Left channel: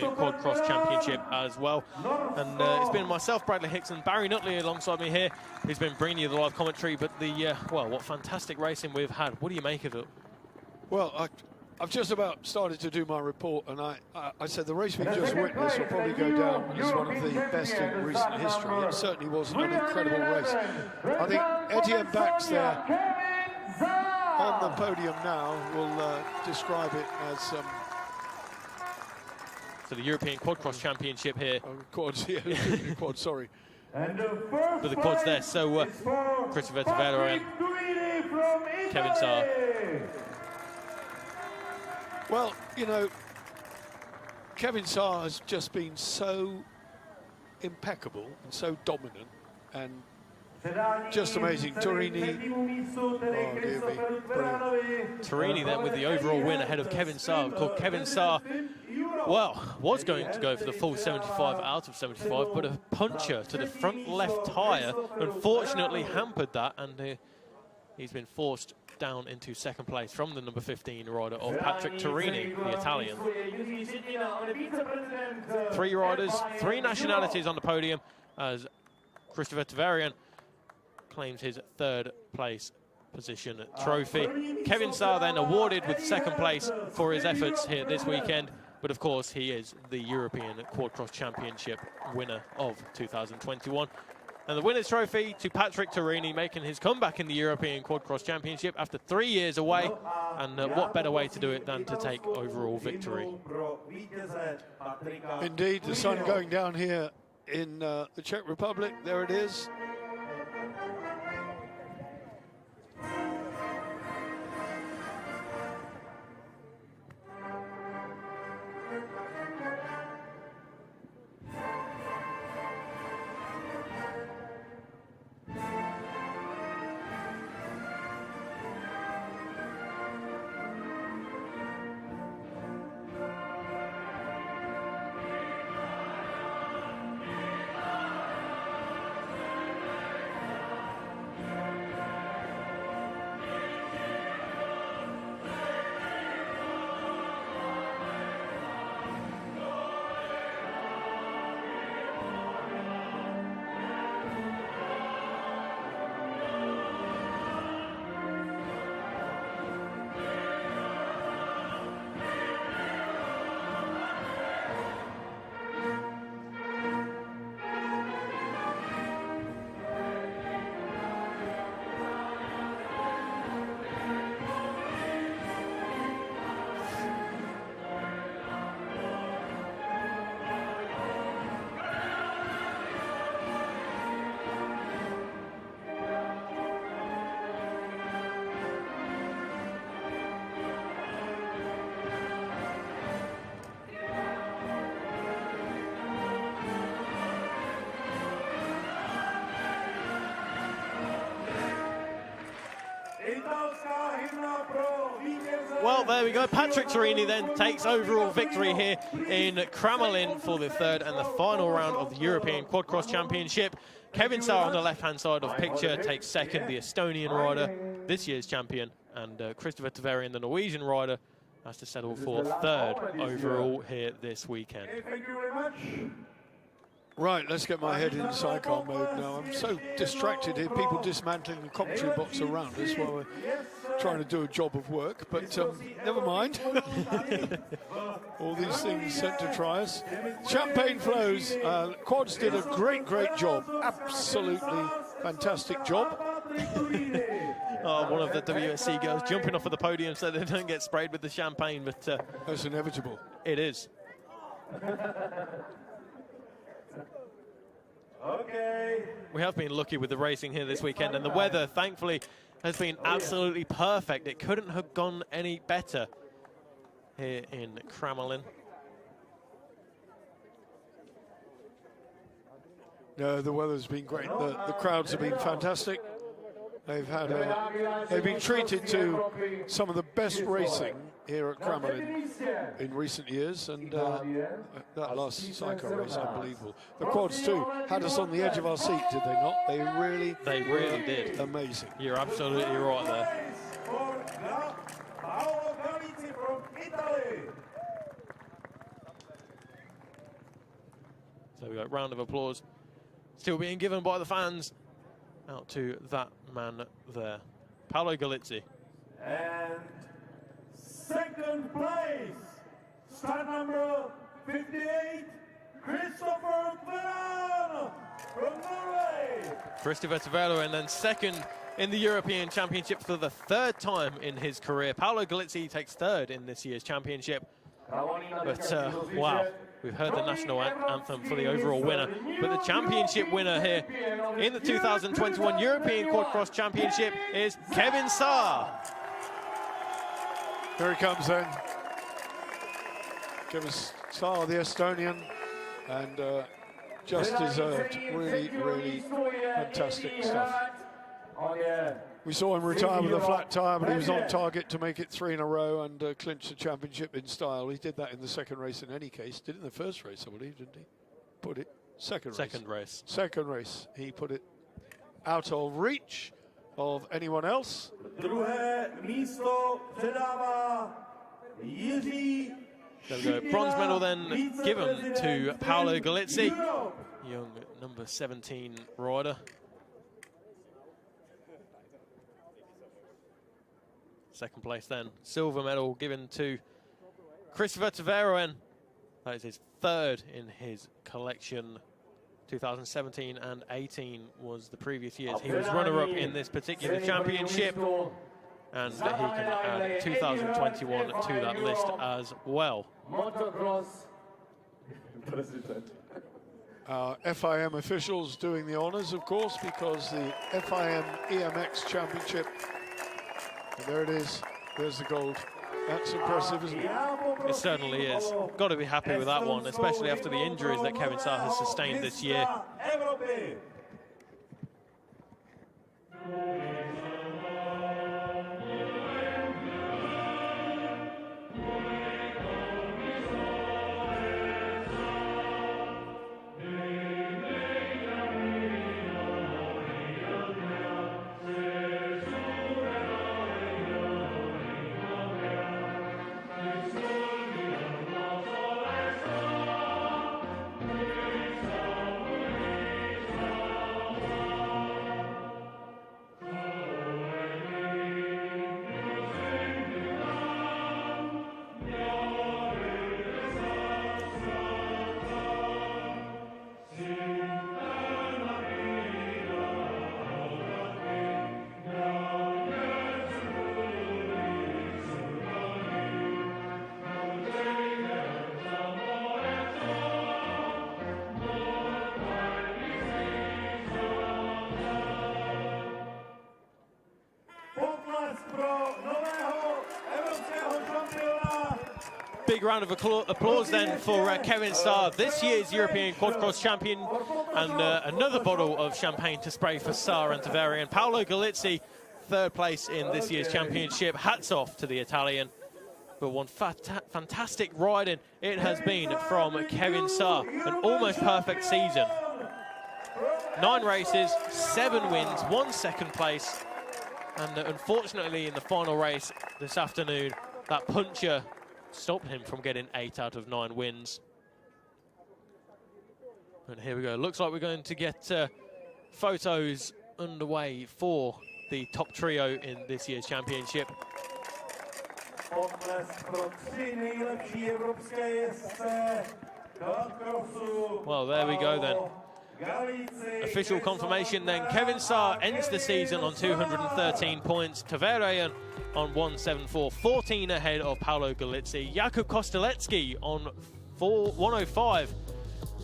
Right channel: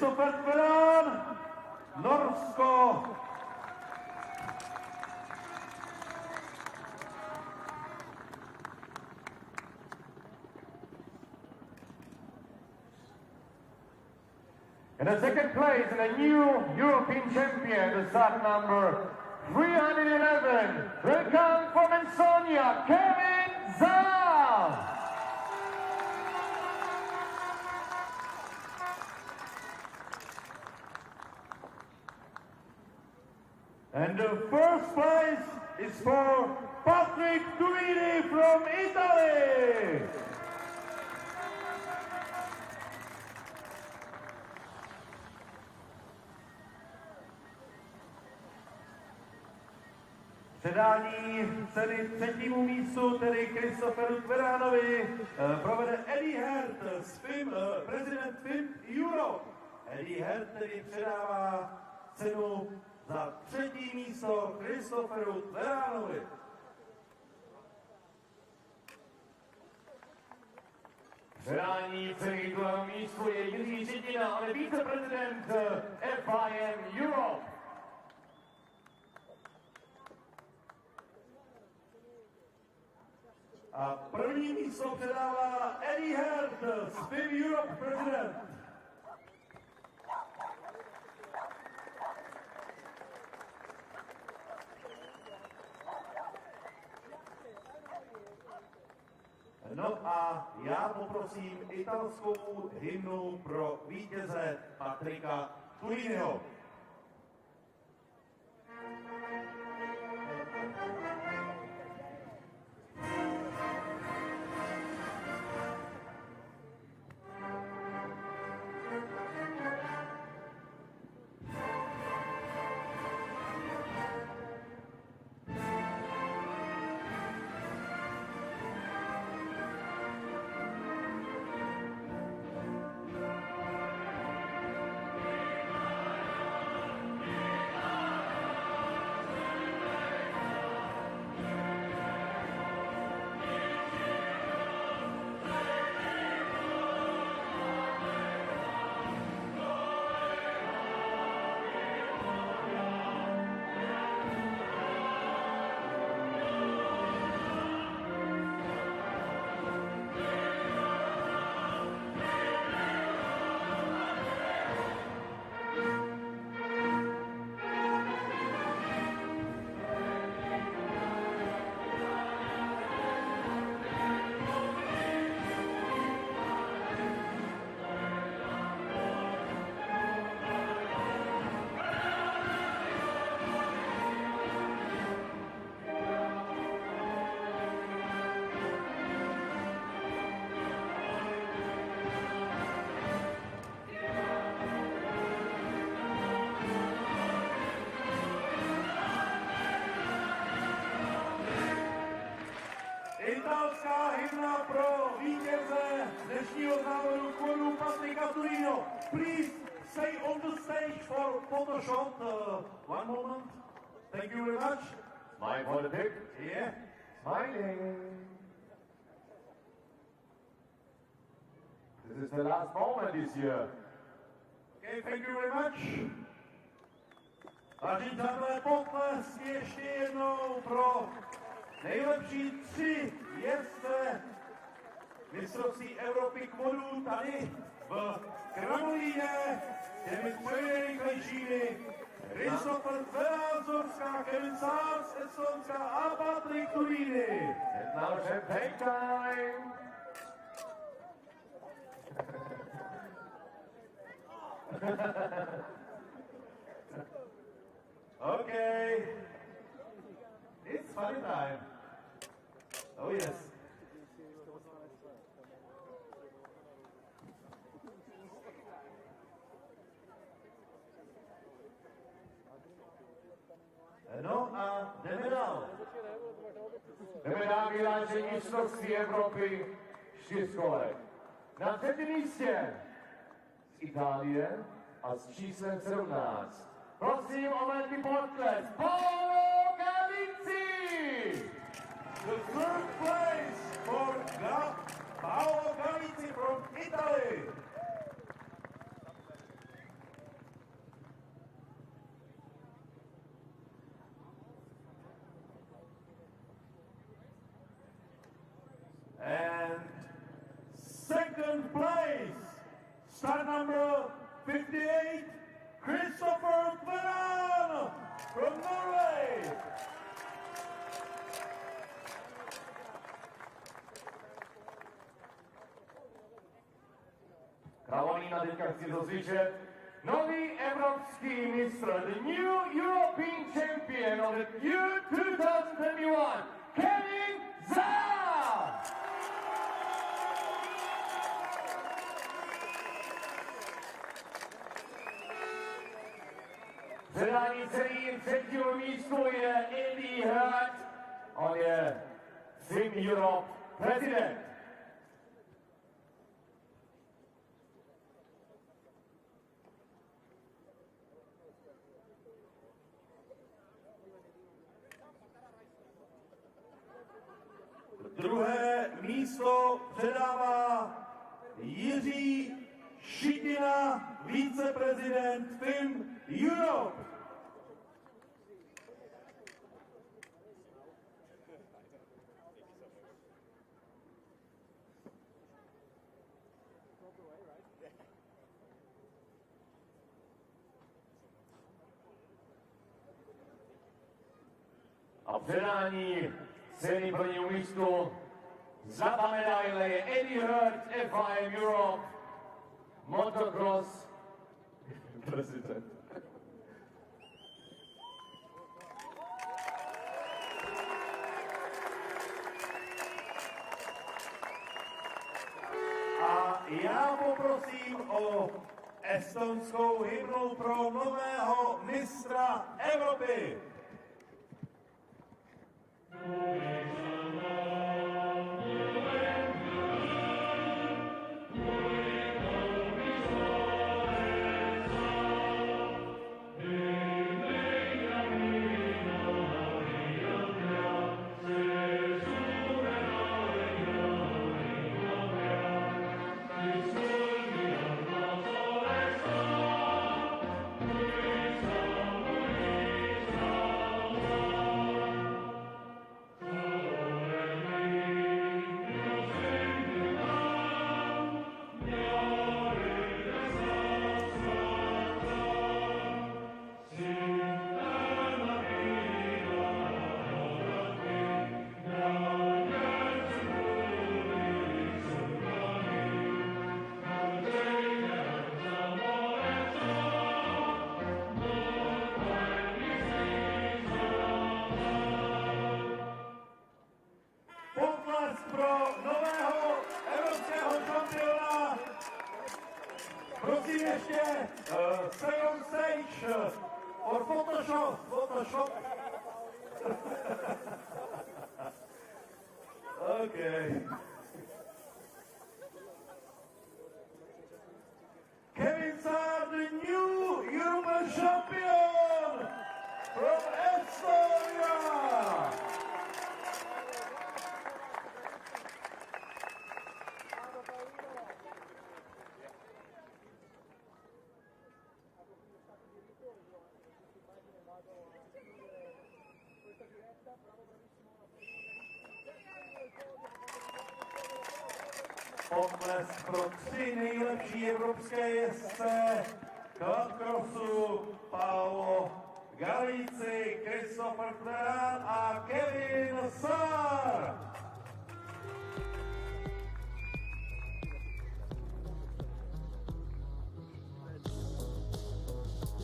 European Quad Cross Championship as well. And it's been myself, Bradley Hicks, and Barry Nutley alongside me here, who's been bringing you the live commentary. But well, what fantastic racing we've had. What do you make of it? Well, I've just about started to do my report, and I said the race we just witnessed will probably go down as one of the best in recent history. It certainly was an incredible race. I think Etienne Bax there on the podium now will describe it as for the European Quad Cross Championship here. Quads, yeah, quad, sorry. And the first for the quads there, so Christopher Tavera and Kevin Saar. Well, you know, Kevin Saar has just been so impeccable and so dominant and just amazing. Torini. Torini there with the overall win ahead of Kevin Saar. Of course, Kevin Saar, well, was going to go for the full 75 out of 75, but a puncture to the front left tyre unfortunately hampered that, and he's been forced down into second place from the number 15 rider of Patrick Torini, the Italian. 3 riders, 3 nationalities on the podium as Christopher Tavarian claims his 3rd place position trophy. Kevin Saar then awarded with 2nd place for his efforts here this weekend, but of course he is the European Quad Cross Championship winner of 2021. And the winner's trophy to Patrick Torini, making his comeback in the European Quad Cross Championship after 3 years away. And what better way to do it than to take overall victory? Indeed, the sun going down here in the Czech Republic. There it is. Well, there we go. Patrick Torini then takes overall victory here in Kramolin for the 3rd and the final round of the European Quad Cross Championship. Kevin Saar on the left-hand side of the picture takes 2nd, the Estonian rider, this year's champion, and Christopher Tavarian, the Norwegian rider, has to settle for 3rd overall here this weekend. Thank you very much. Right, let's get my head in sidecar mode now. I'm so distracted here, people dismantling the commentary box around us while we're trying to do a job of work, but never mind. All these things sent to try us. Champagne flows. Quads did a great job. Absolutely fantastic job. One of the WSC girls jumping off of the podium so they don't get sprayed with the champagne, but that's inevitable. It is. Okay. We have been lucky with the racing here this weekend, and the weather, thankfully, has been absolutely perfect. It couldn't have gone any better here in Kramolin. No, the weather's been great. The crowds have been fantastic. They've been treated to some of the best racing here at Kramolin in recent years, and that last cycle race, unbelievable. The quads too had us on the edge of our seat, did they not? They really did. Amazing. You're absolutely right there. we go, round of applause still being given by the fans out to that man there, Paolo Galizzi. And second place, start number 58, Christopher Tveran from Norway. Christopher Tveran, and then second in the European Championship for the third time in his career. Paolo Galizzi takes third in this year's championship. But wow, we've heard the national anthem for the overall winner. But the championship winner here in the 2021 European Quad-Cross Championship is Kevin Saar. Here he comes then. Kevin Saar, the Estonian, and just deserved. Really, really fantastic stuff. We saw him retire with a flat tire, but he was on target to make it 3 in a row and clinch the championship in style. He did that in the second race in any case. Did it in the first race, I believe, didn't he? Put it second race. Second race. He put it out of reach of anyone else. There we go. Bronze medal then given to Paolo Galizzi, young number 17 rider. Second place then, silver medal given to Christopher Tveran. That is his third in his collection. 2017 and 18 was the previous years. He was runner-up in this particular championship, and he can add 2021 to that list as well. FIM officials doing the honours, of course, because the FIM EMX Championship, there it is, there's the gold. That's impressive, isn't it? It certainly is. Got to be happy with that one, especially after the injuries that Kevin Saar has sustained this year. Big round of applause then for Kevin Saar, this year's European Quad-Cross champion, and another bottle of champagne to spray for Saar and Tveran. Paolo Galizzi, third place in this year's championship. Hats off to the Italian. But one fantastic riding it has been from Kevin Saar. An almost perfect season. 9 races, 7 wins, 1 second place. And unfortunately in the final race this afternoon, that puncher stopped him from getting 8 out of 9 wins. And here we go. Looks like we're going to get photos underway for the top trio in this year's championship. Well, there we go then. Official confirmation then. Kevin Saar ends the season on 213 points. Tveran on 174, 14 ahead of Paolo Galizzi. Jakub Kosteletsky on 105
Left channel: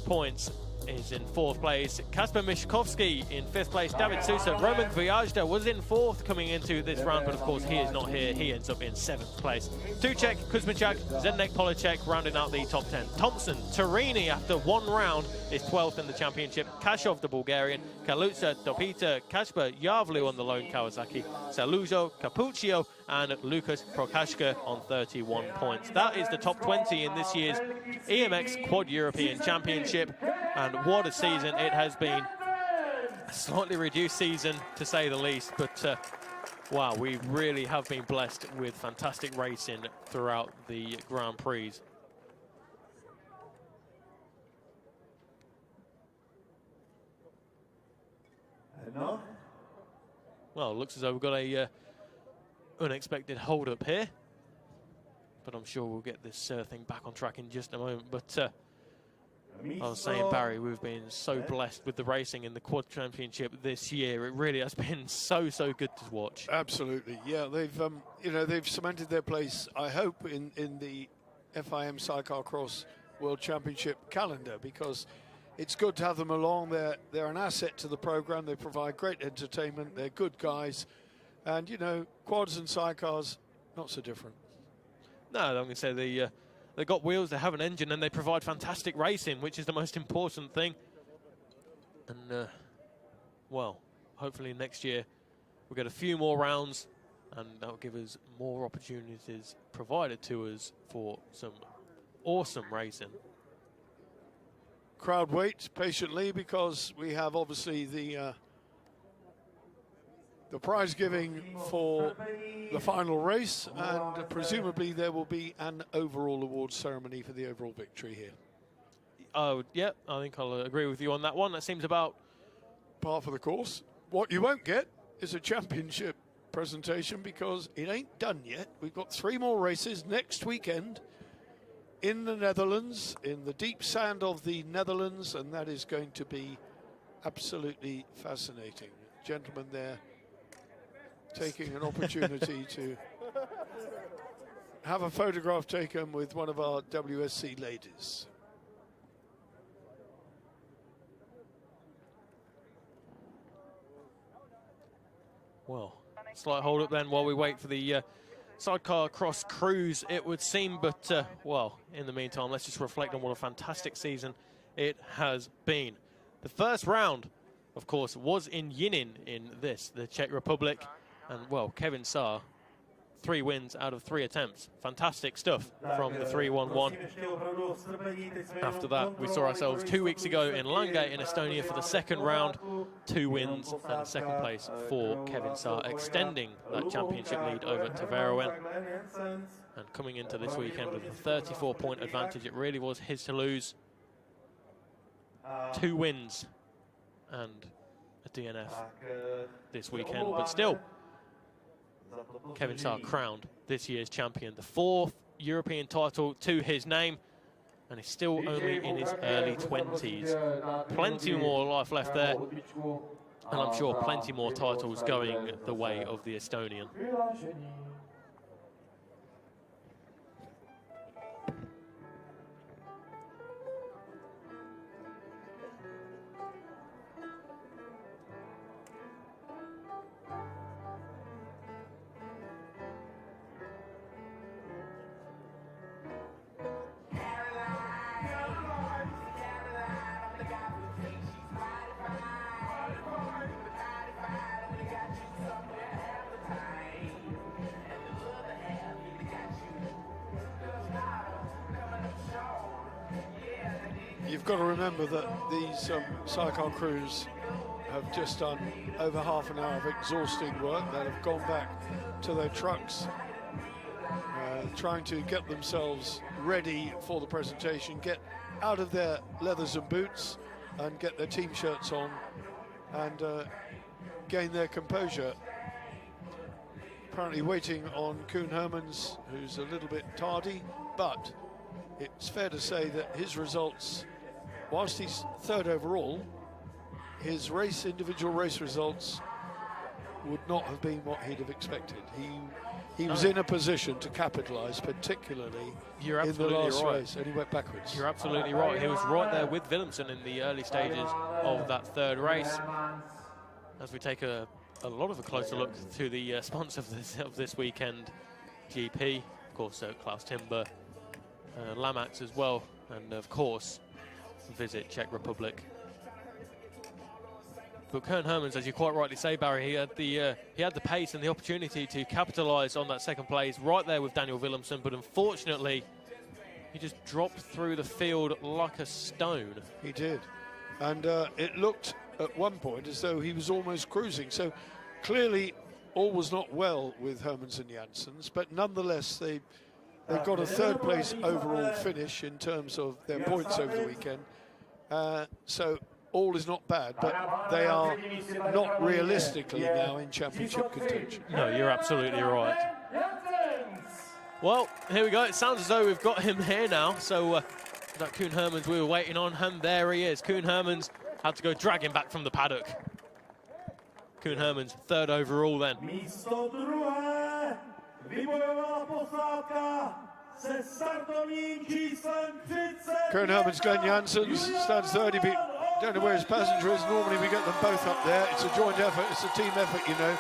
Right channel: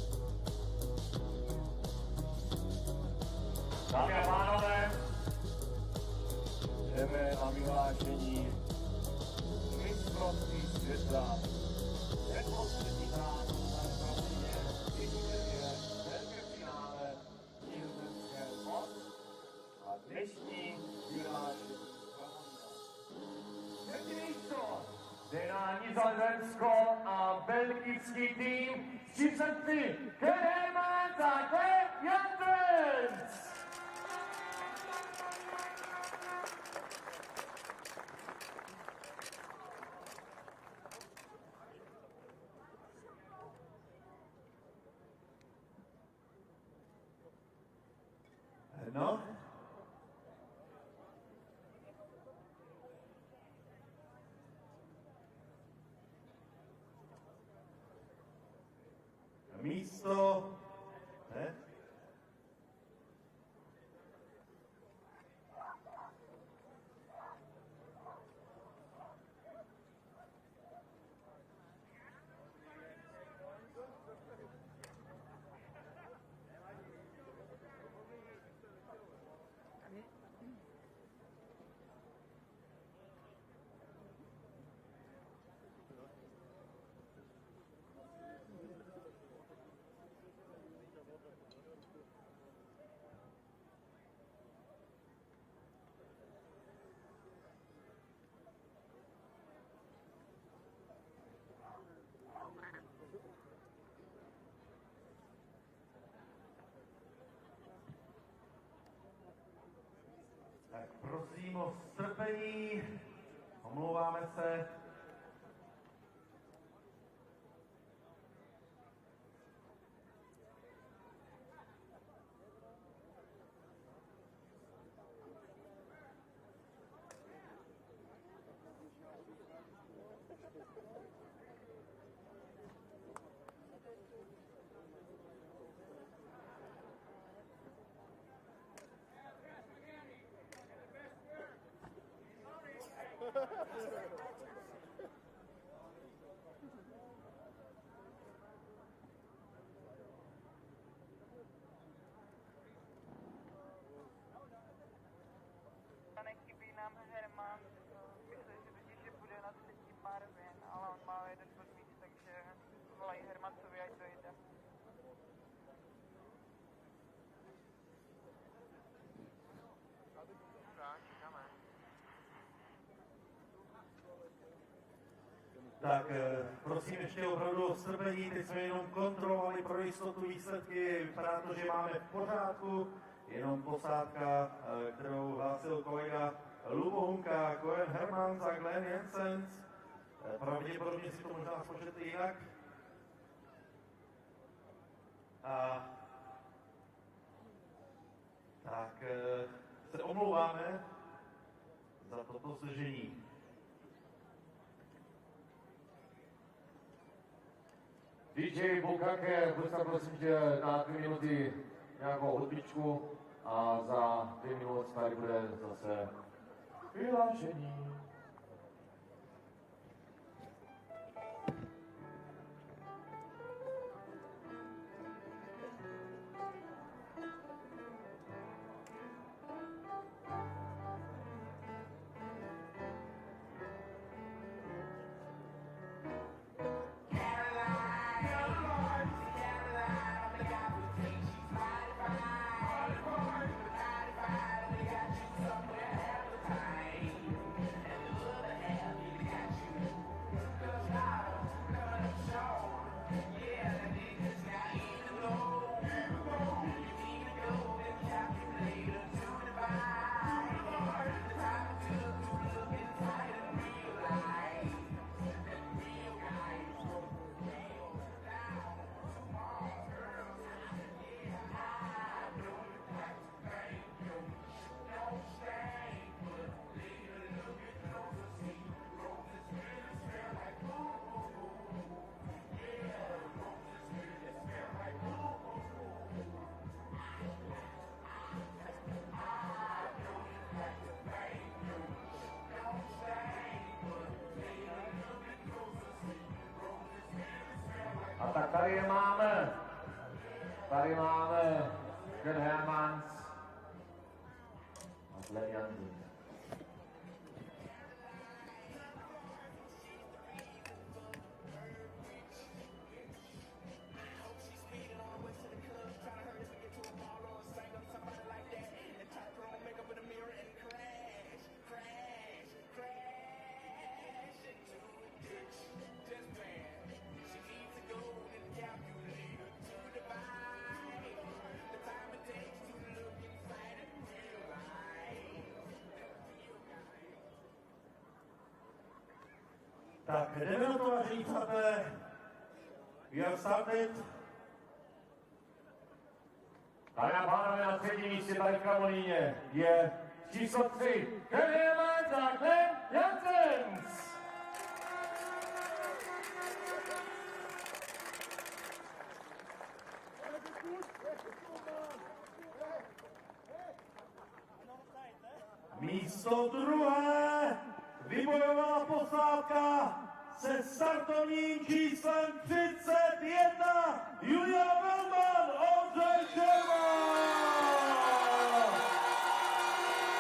points is in 4th place. Kasper Mishkovsky in 5th place. David Sousa, Roman Vujajda was in 4th coming into this round, but of course he is not here. He ends up in 7th place. Tuchek, Kuzmichak, Zdenek Polacek rounding out the top 10. Thompson, Torini after 1 round is 12th in the championship. Kashov, the Bulgarian, Kaluza, Dopita, Kasper Yavlu on the lone Kawasaki, Salujo, Capuccio, and Lucas Prokashka on 31 points. That is the top 20 in this year's EMX Quad European Championship, and what a season it has been. A slightly reduced season, to say the least, but wow, we really have been blessed with fantastic racing throughout the Grand Prix. Well, it looks as though we've got a unexpected hold-up here. But I'm sure we'll get this thing back on track in just a moment. But I was saying, Barry, we've been so blessed with the racing in the Quad Championship this year. It really has been so good to watch. Absolutely, yeah. They've cemented their place, I hope, in the FIM Sidecarcross World Championship calendar, because it's good to have them along. They're an asset to the program. They provide great entertainment. They're good guys, and quads and sidecars not so different. No, I'm going to say they've got wheels, they have an engine, and they provide fantastic racing, which is the most important thing. And, well, hopefully next year we'll get a few more rounds, and that'll give us more opportunities provided to us for some awesome racing. Crowd waits patiently, because we have obviously the prize giving for the final race, and presumably there will be an overall award ceremony for the overall victory here. Oh, yeah, I think I'll agree with you on that one. That seems about par for the course. What you won't get is a championship presentation, because it ain't done yet. We've got 3 more races next weekend in the Netherlands, in the deep sand of the Netherlands, and that is going to be absolutely fascinating. Gentlemen there taking an opportunity to have a photograph taken with one of our WSC ladies. Well, slight hold up then while we wait for the Sidecarcross cruise, it would seem. But, well, in the meantime, let's just reflect on what a fantastic season it has been. The first round, of course, was in Yinin in the Czech Republic. And, well, Kevin Saar, 3 wins out of 3 attempts. Fantastic stuff from the 3-1-1. After that, we saw ourselves 2 weeks ago in Langate in Estonia for the second round. 2 wins and second place for Kevin Saar, extending that championship lead over to Veroen. And coming into this weekend with a 34-point advantage, it really was his to lose. 2 wins and a DNF this weekend, but still, Kevin Saar crowned this year's champion, the 4th European title to his name, and he's still only in his early 20s. Plenty more life left there, and I'm sure plenty more titles going the way of the Estonian. You've got to remember that these sidecar crews have just done over half an hour of exhausting work. They have gone back to their trucks, trying to get themselves ready for the presentation, get out of their leathers and boots and get their team shirts on and gain their composure. Apparently waiting on Koen Hermans, who's a little bit tardy, but it's fair to say that his results, whilst he's 3rd overall, his individual race results would not have been what he'd have expected. He was in a position to capitalise, particularly in the last race, and he went backwards. You're absolutely right. He was right there with Willemsen in the early stages of that 3rd race. As we take a lot of a closer look to the sponsor of this weekend, GP, of course, Klaus Timber, Lamax as well, and of course, Visit Czech Republic. But Koen Hermans, as you quite rightly say, Barry, he had the pace and the opportunity to capitalise on that 2nd place right there with Daniel Willemsen, but unfortunately, he just dropped through the field like a stone. He did, and it looked at one point as though he was almost cruising. So clearly, all was not well with Hermans and Janssens, but nonetheless, they've got a 3rd place overall finish in terms of their points over the weekend. So all is not bad, but they are not realistically now in championship contention. No, you're absolutely right. Well, here we go. It sounds as though we've got him here now. So that Koen Hermans we were waiting on, and there he is. Koen Hermans had to go drag him back from the paddock. Koen Hermans, third overall then. Koen Hermans, Glenn Janssens, stands third. Don't know where his passenger is. Normally we get them both up there. It's a joint effort. It's a team effort, you know.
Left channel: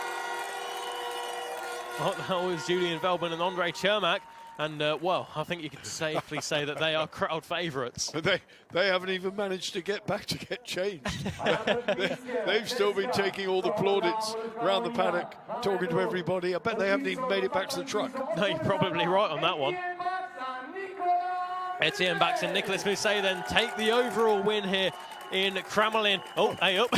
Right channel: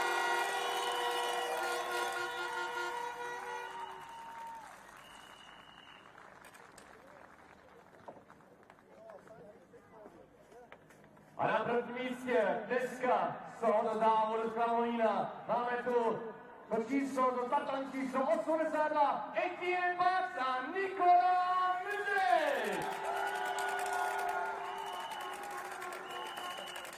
Well, that was Julian Veltman and Andre Cermak. And, well, I think you can safely say that they are crowd favourites. But they haven't even managed to get back to get changed. They've still been taking all the plaudits around the paddock, talking to everybody. I bet they haven't even made it back to the truck. No, you're probably right on that one. Etienne Bax and Nicolas Mousset then take the overall win here in Kramolin. Oh, hey up.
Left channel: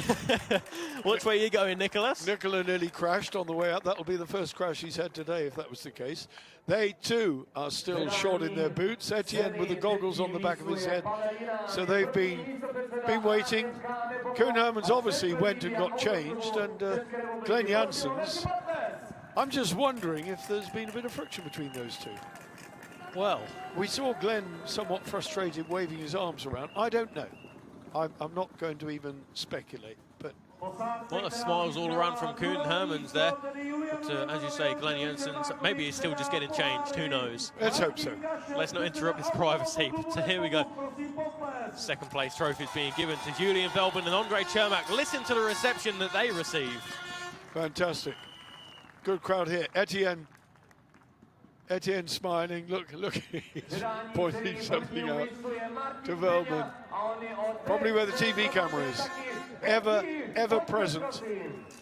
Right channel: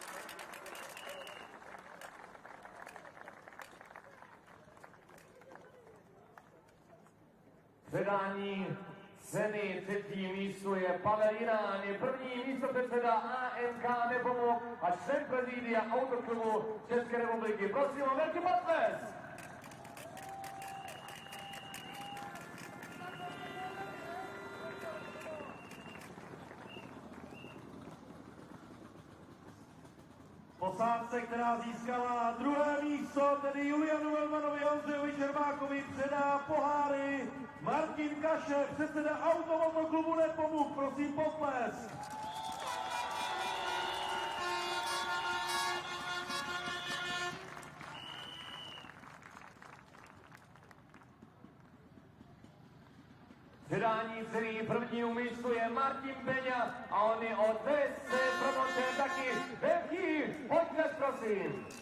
Which way are you going, Nicolas? Nicola nearly crashed on the way up. That'll be the first crash he's had today, if that was the case. They, too, are still short in their boots. Etienne with the goggles on the back of his head. So they've been waiting. Koen Hermans obviously went and got changed. And Glenn Janssens, I'm just wondering if there's been a bit of friction between those two. Well, we saw Glenn somewhat frustrated, waving his arms around. I don't know. I'm not going to even speculate, but... Well, smiles all around from Koen Hermans there. But, as you say, Glenn Janssens, maybe he's still just getting changed, who knows? Let's hope so. Let's not interrupt his privacy. So here we go. Second place trophies being given to Julian Veltman and Andre Cermak. Listen to the reception that they received. Fantastic. Good crowd here. Etienne smiling, look, he's pointing something out to Veltman. Probably where the TV camera is. Ever present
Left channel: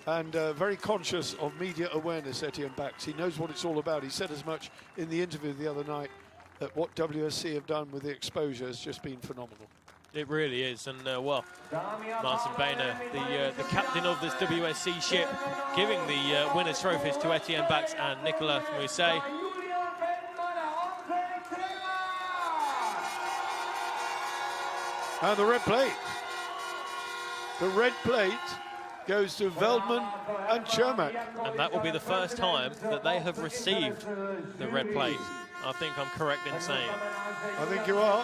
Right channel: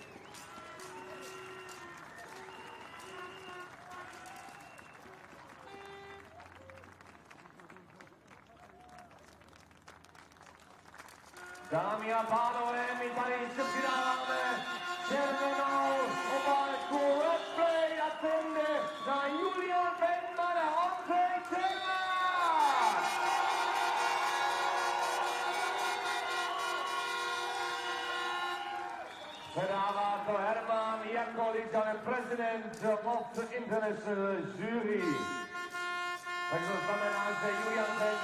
and very conscious of media awareness, Etienne Bax. He knows what it's all about. He said as much in the interview the other night that what WSC have done with the exposure has just been phenomenal. It really is, and well, Martin Boehner, the captain of this WSC ship, giving the winners' trophies to Etienne Bax and Nicolas Mousset. And the red plate. The red plate goes to Veltman and Cermak. And that will be the first time that they have received the red plate. I think I'm correct in saying. I think you are.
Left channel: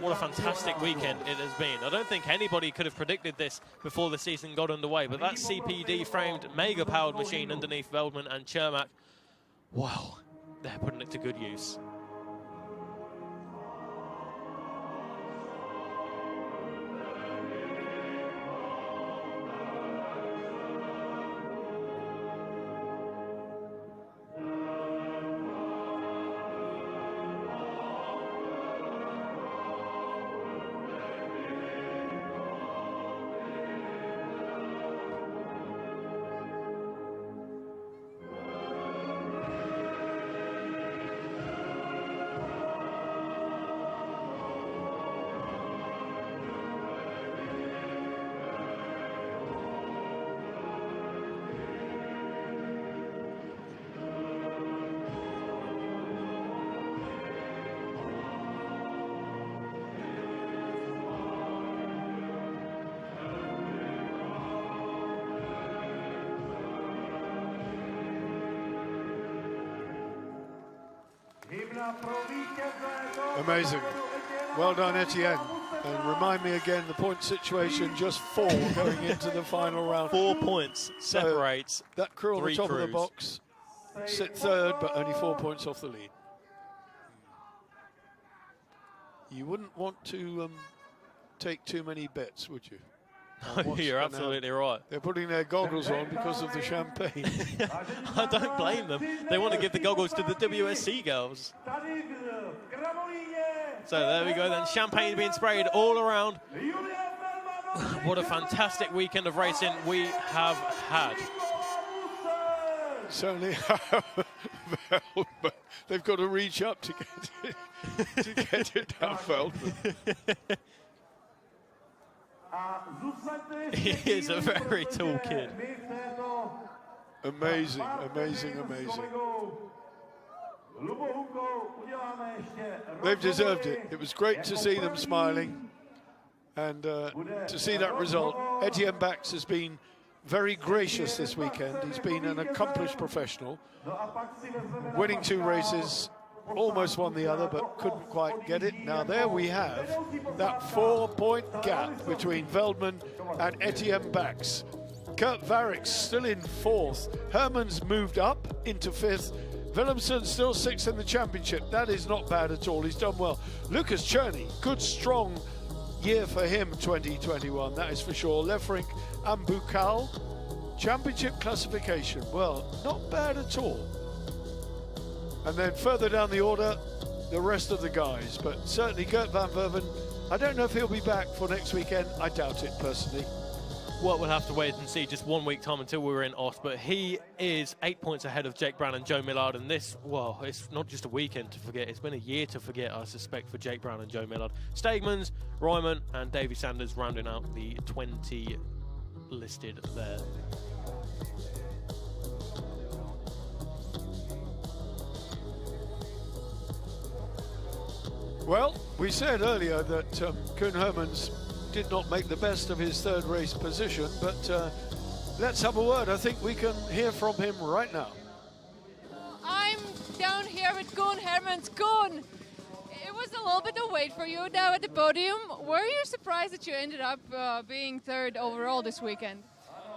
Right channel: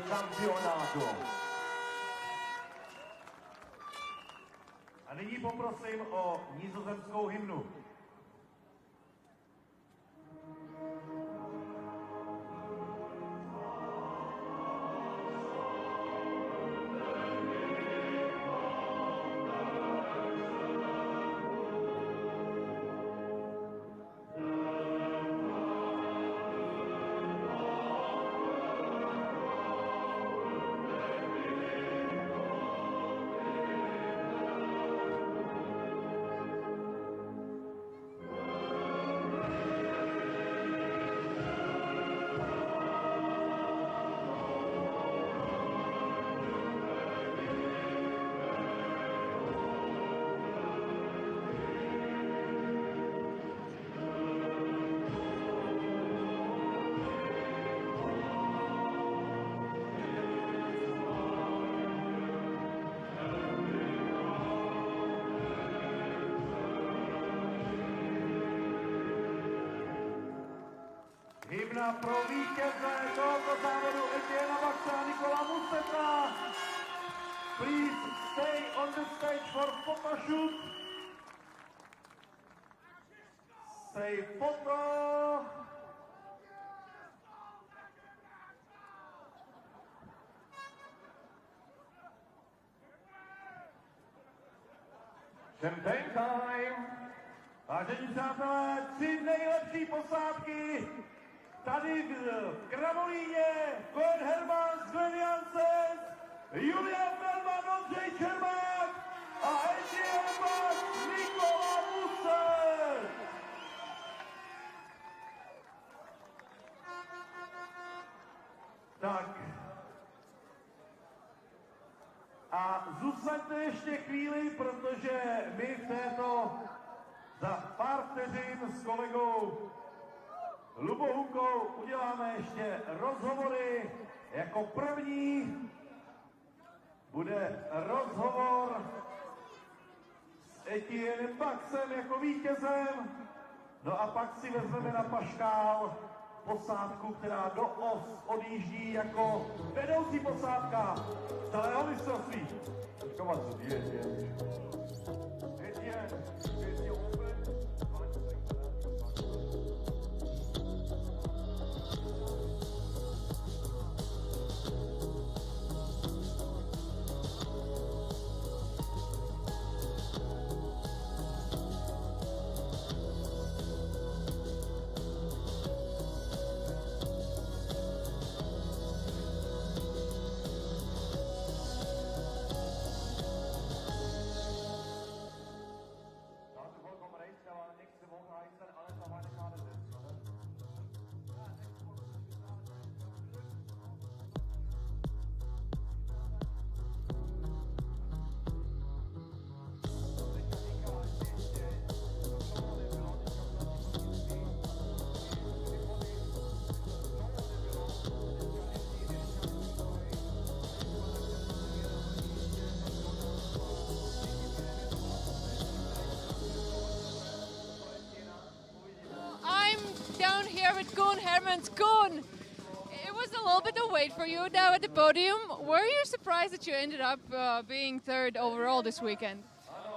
What a fantastic weekend it has been. I don't think anybody could have predicted this before the season got underway, but that CPD-framed, mega-powered machine underneath Veltman and Cermak, wow, they're putting it to good use. Amazing. Well done, Etienne. And remind me again, the point situation, just 4 going into the final round. 4 points separates that crew on the top of the box sit third, but only 4 points off the lead. You wouldn't want to take too many bets, would you? You're absolutely right. They're putting their goggles on because of the champagne. I don't blame them. They want to give the goggles to the WSC girls. So there we go then. Champagne being sprayed all around. What a fantastic weekend of racing we have had. Certainly, they've got to reach up to get it down, Veltman. He is a very tall kid. Amazing, amazing, amazing. They've deserved it. It was great to see them smiling and to see that result. Etienne Bax has been very gracious this weekend. He's been an accomplished professional, winning 2 races, almost won the other, but couldn't quite get it. Now there we have that 4-point gap between Veldman and Etienne Bax. Kurt Varick's still in 4th. Herman's moved up into 5th. Willemsen still 6th in the championship. That is not bad at all. He's done well. Lucas Cherney, good strong year for him 2021, that is for sure. Lefrink and Bukal, championship classification, well, not bad at all. And then further down the order, the rest of the guys, but certainly Gert van Berven, I don't know if he'll be back for next weekend. I doubt it personally. Well, we'll have to wait and see. Just 1 week time until we're in Ost, but he is 8 points ahead of Jake Brown and Joe Millard, and this, well, it's not just a weekend to forget, it's been a year to forget, I suspect, for Jake Brown and Joe Millard. Stegmans, Ryman and Davy Sanders rounding out the 20 listed there. Well, we said earlier that Koen Hermans did not make the best of his 3rd race position, but let's have a word. I think we can hear from him right now. I'm down here with Koen Hermans. Koen, it was a little bit of wait for you now at the podium. Were you surprised that you ended up being 3rd overall this weekend?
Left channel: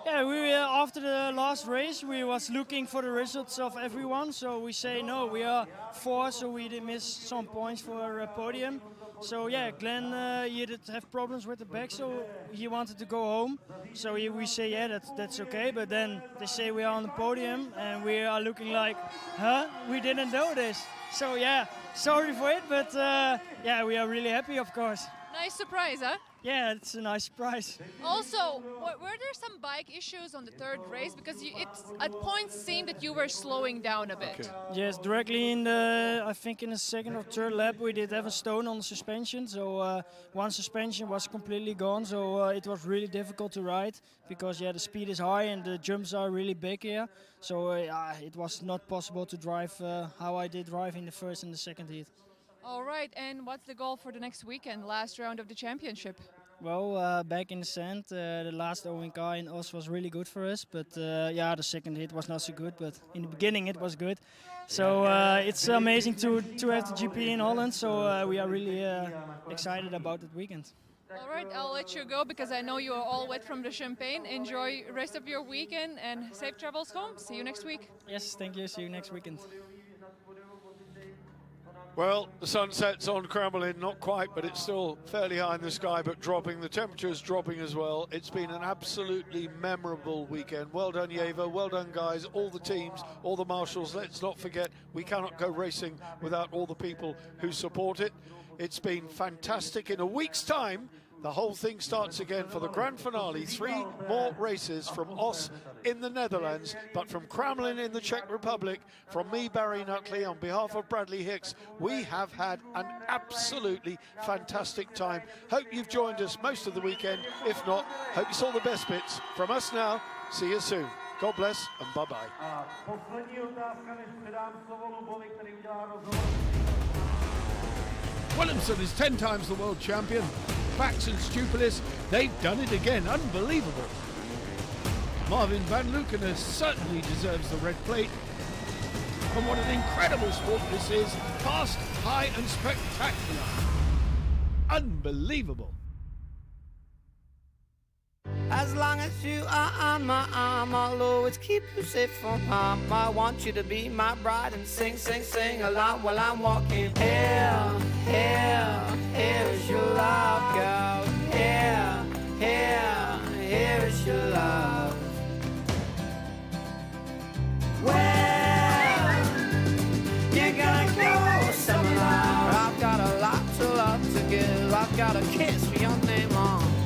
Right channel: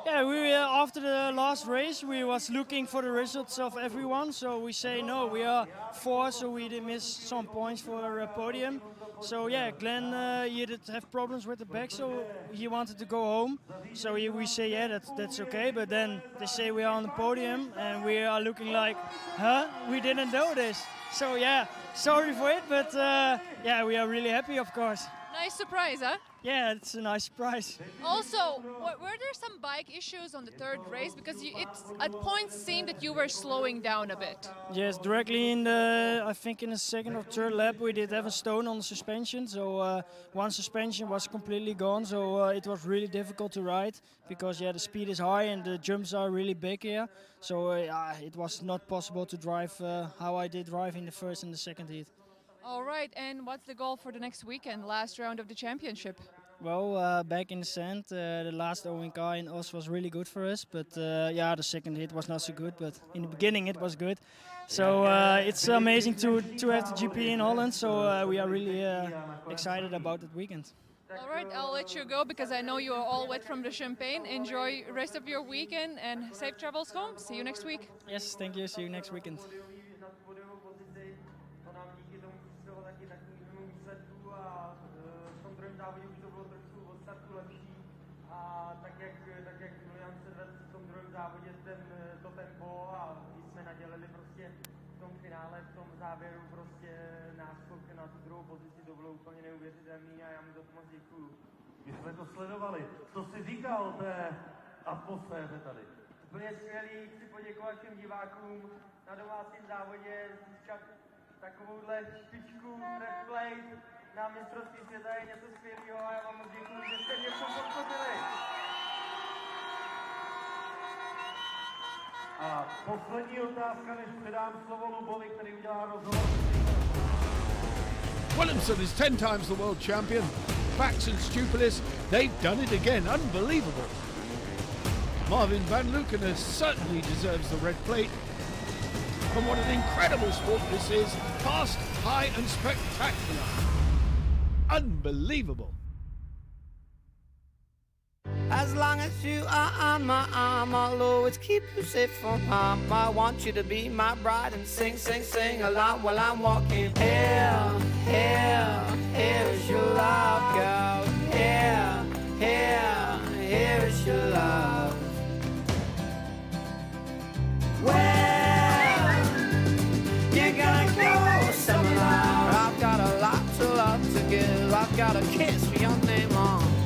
Yeah, we after the last race, we was looking for the results of everyone. So we say no, we are 4th, so we did miss some points for a podium. So yeah, Glenn, he did have problems with the back, so he wanted to go home. So we say yeah, that's okay. But then they say we are on the podium, and we are looking like, huh? We didn't know this. So yeah, sorry for it, but yeah, we are really happy, of course. Nice surprise, huh? Yeah, it's a nice surprise. Also, were there some bike issues on the 3rd race? Because it at points seemed that you were slowing down a bit. Yes, directly in the, I think in the 2nd or 3rd lap, we did have a stone on the suspension. So one suspension was completely gone. So it was really difficult to ride because yeah, the speed is high and the jumps are really big here. So it was not possible to drive how I did drive in the 1st and the 2nd heat. All right, and what's the goal for the next weekend, last round of the championship? Well, back in the sand, the last ONK in Os was really good for us, but yeah, the 2nd hit was not so good, but in the beginning it was good. So it's amazing to have the GP in Holland, so we are really excited about that weekend. All right, I'll let you go because I know you are all wet from the champagne. Enjoy the rest of your weekend and safe travels home. See you next week. Yes, thank you. See you next weekend. Well, the sun sets on Kramolin, not quite, but it's still fairly high in the sky, but dropping. The temperature's dropping as well. It's been an absolutely memorable weekend. Well done, Yeva. Well done, guys. All the teams, all the marshals. Let's not forget, we cannot go racing without all the people who support it. It's been fantastic. In a week's time, the whole thing starts again for the grand finale. 3 more races from Os in the Netherlands, but from Kramolin in the Czech Republic. From me, Barry Nutley, on behalf of Bradley Hicks, we have had an absolutely fantastic time. Hope you've joined us most of the weekend. If not, hope you saw the best bits. From us now, see you soon. God bless and bye-bye. Willemsen is 10 times the world champion. Bax and Stupilis, they've done it again. Unbelievable. Marvin van Lukenes certainly deserves the red plate. And what an incredible sport this is. Fast, high and spectacular. Unbelievable. As long as you are on my arm, I'll always keep you safe from harm. I want you to be my bride and sing, sing, sing along while I'm walking. Here, here, here is your love, girl. Here, here, here is your love. Well, you're gonna go somewhere. I've got a lot to love to give. I've got a kiss for your name on.